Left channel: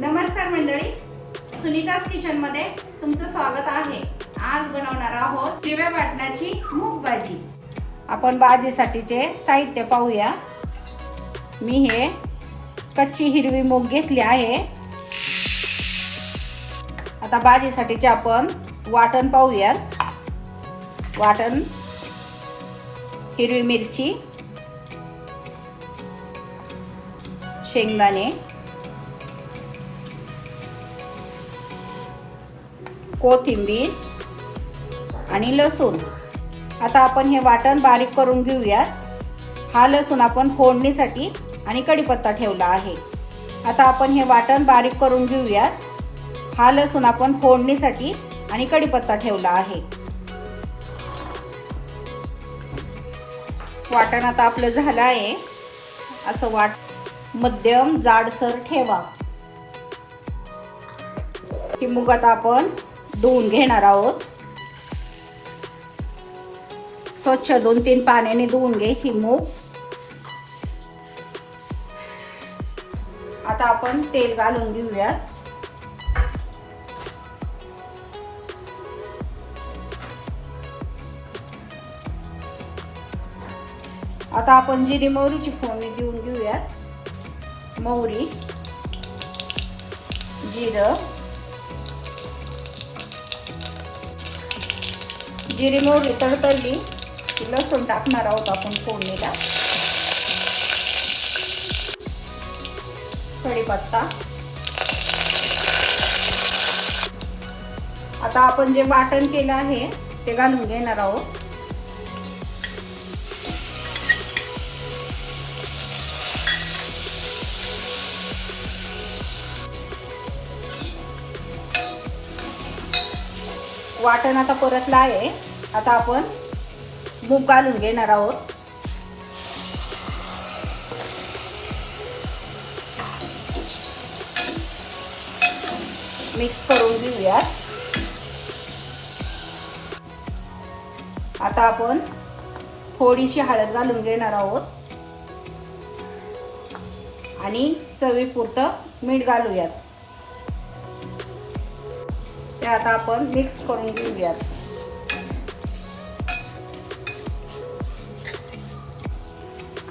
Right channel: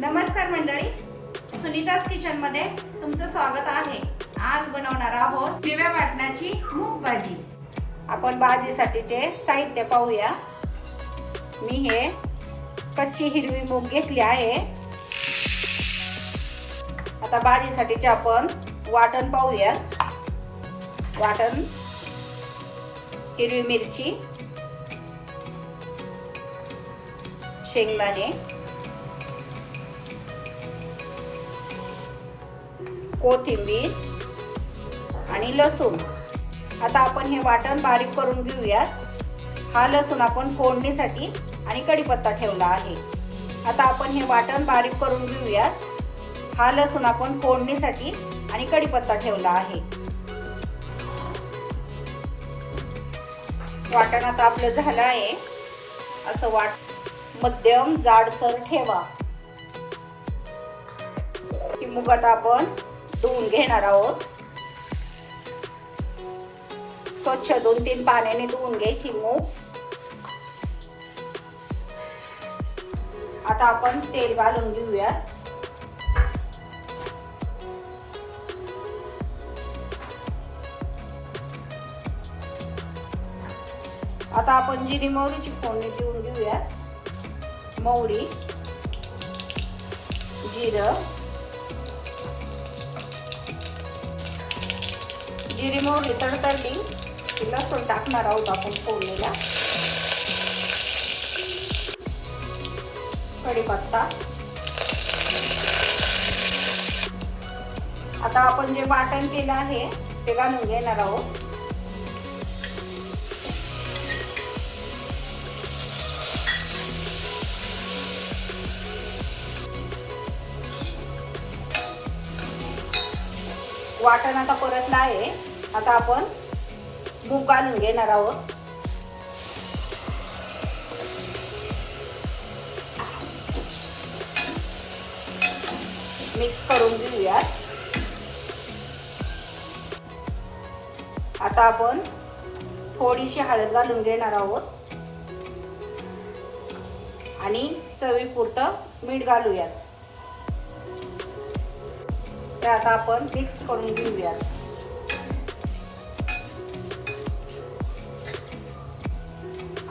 नमस्कार मंडळी, सुनीताज किचन मध्ये तुमचं स्वागत आहे। आज बनवणार आहोत हिरव्या वाटणाची मूग भाजी। आपण भाजीसाठीचे साहित्य पाहूया। मी हे कच्ची हिरवी मूग घेतली आहे। आता भाजीसाठीचे आपण वाटण पाहूया। वाटण हिरवी मिरची, शेंगदाणे, कोथिंबीर आणि लसूण। आता आपण हे वाटण बारीक करून घेऊया। हा लसूण आपण फोडणीसाठी आणि कढीपत्ता ठेवला आहे। आता आपण हे वाटण बारीक करून घेऊया। हा लसूण आपण फोडणीसाठी आणि कढीपत्ता ठेवला आहे। वाटण आता आपलं झालं आहे। असं मध्यम जाडसर ठेवा। ही मूग आता आपण धुवून घेणार आहोत। स्वच्छ 2-3 पाण्याने धुवून घ्यायची मूग। आता आपण तेल घालून घेऊया। आता आपण जिरी मोहरीची फोडणी देऊन घेऊया। मोहरी, जिरं, जिरी मोहरी तडतडली लसूण टाकणार आहोत आपण फोडणीला। कढीपत्ता। आता आपण जे वाटण केलं आहे ते घालून घेणार आहोत। वाटण आता परतलं आहे। आता आपण मूग घालून घेणार आहोत। मिक्स करून घेऊया। आता आपण थोडीशी हळद घालून घेणार आहोत आणि चवीपुरतं मीठ घालूयात। ते आता आपण मिक्स करून घेऊया।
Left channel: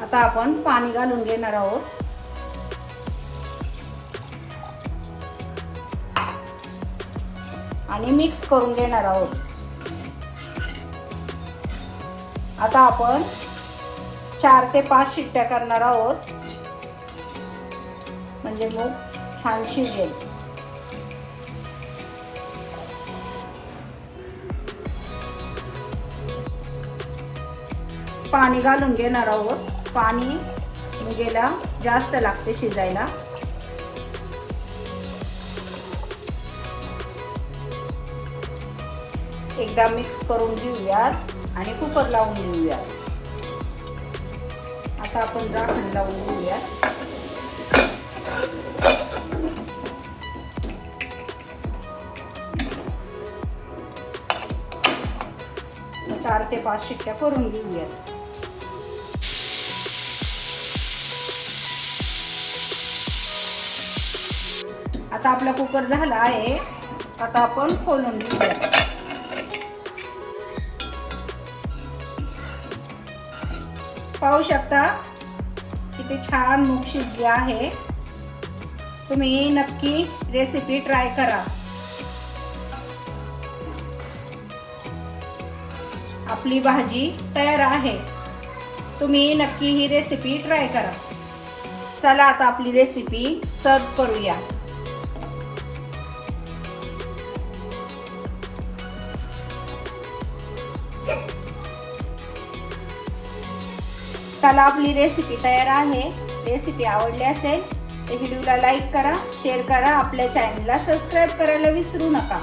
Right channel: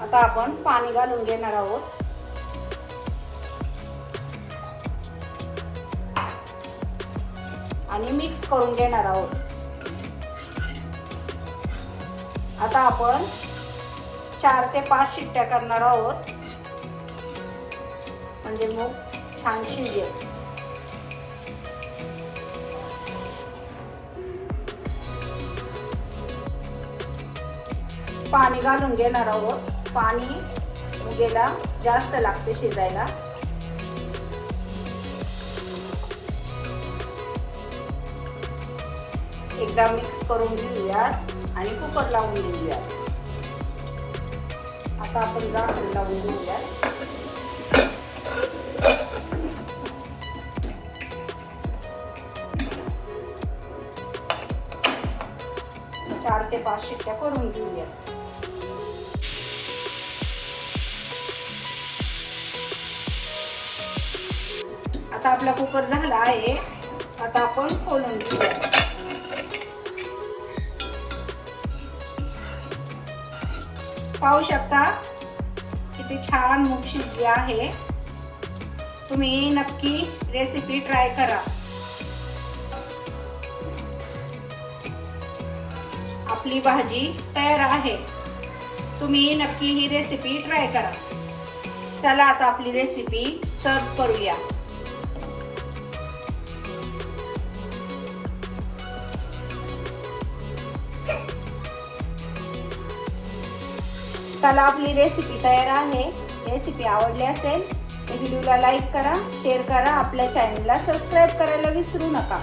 आता आपण पाणी घालून घेणार आहोत। आणि मिक्स करून घेणार आहोत। आता आपण 4 ते 5 शिट्ट्या करणार आहोत, म्हणजे मूग छान शिजेल। पाणी घालून घेणार आहोत। पाणी मुगेला जास्त लागते शिजायला। एकदा मिक्स करून घेऊयात आणि कुकर लावून देऊयात। आता आपण झाकण लावून घेऊया। चार ते 5 शिट्ट्या करून घेऊया। आता आपला कुकर झाला आहे। आता आपण खोलून घेऊया। पाहू शकता किती छान मूग शिजली आहे। तुम्ही नक्की रेसिपी ट्राय करा। आपली भाजी तयार आहे। तुम्ही नक्की ही रेसिपी ट्राय करा। चला आता आपली रेसिपी सर्व करूया। चला आपली रेसिपी तयार आहे। रेसिपी आवडली असेल तर व्हिडिओला लाईक करा, शेअर करा, आपल्या चॅनलला सबस्क्राइब करायला विसरू नका।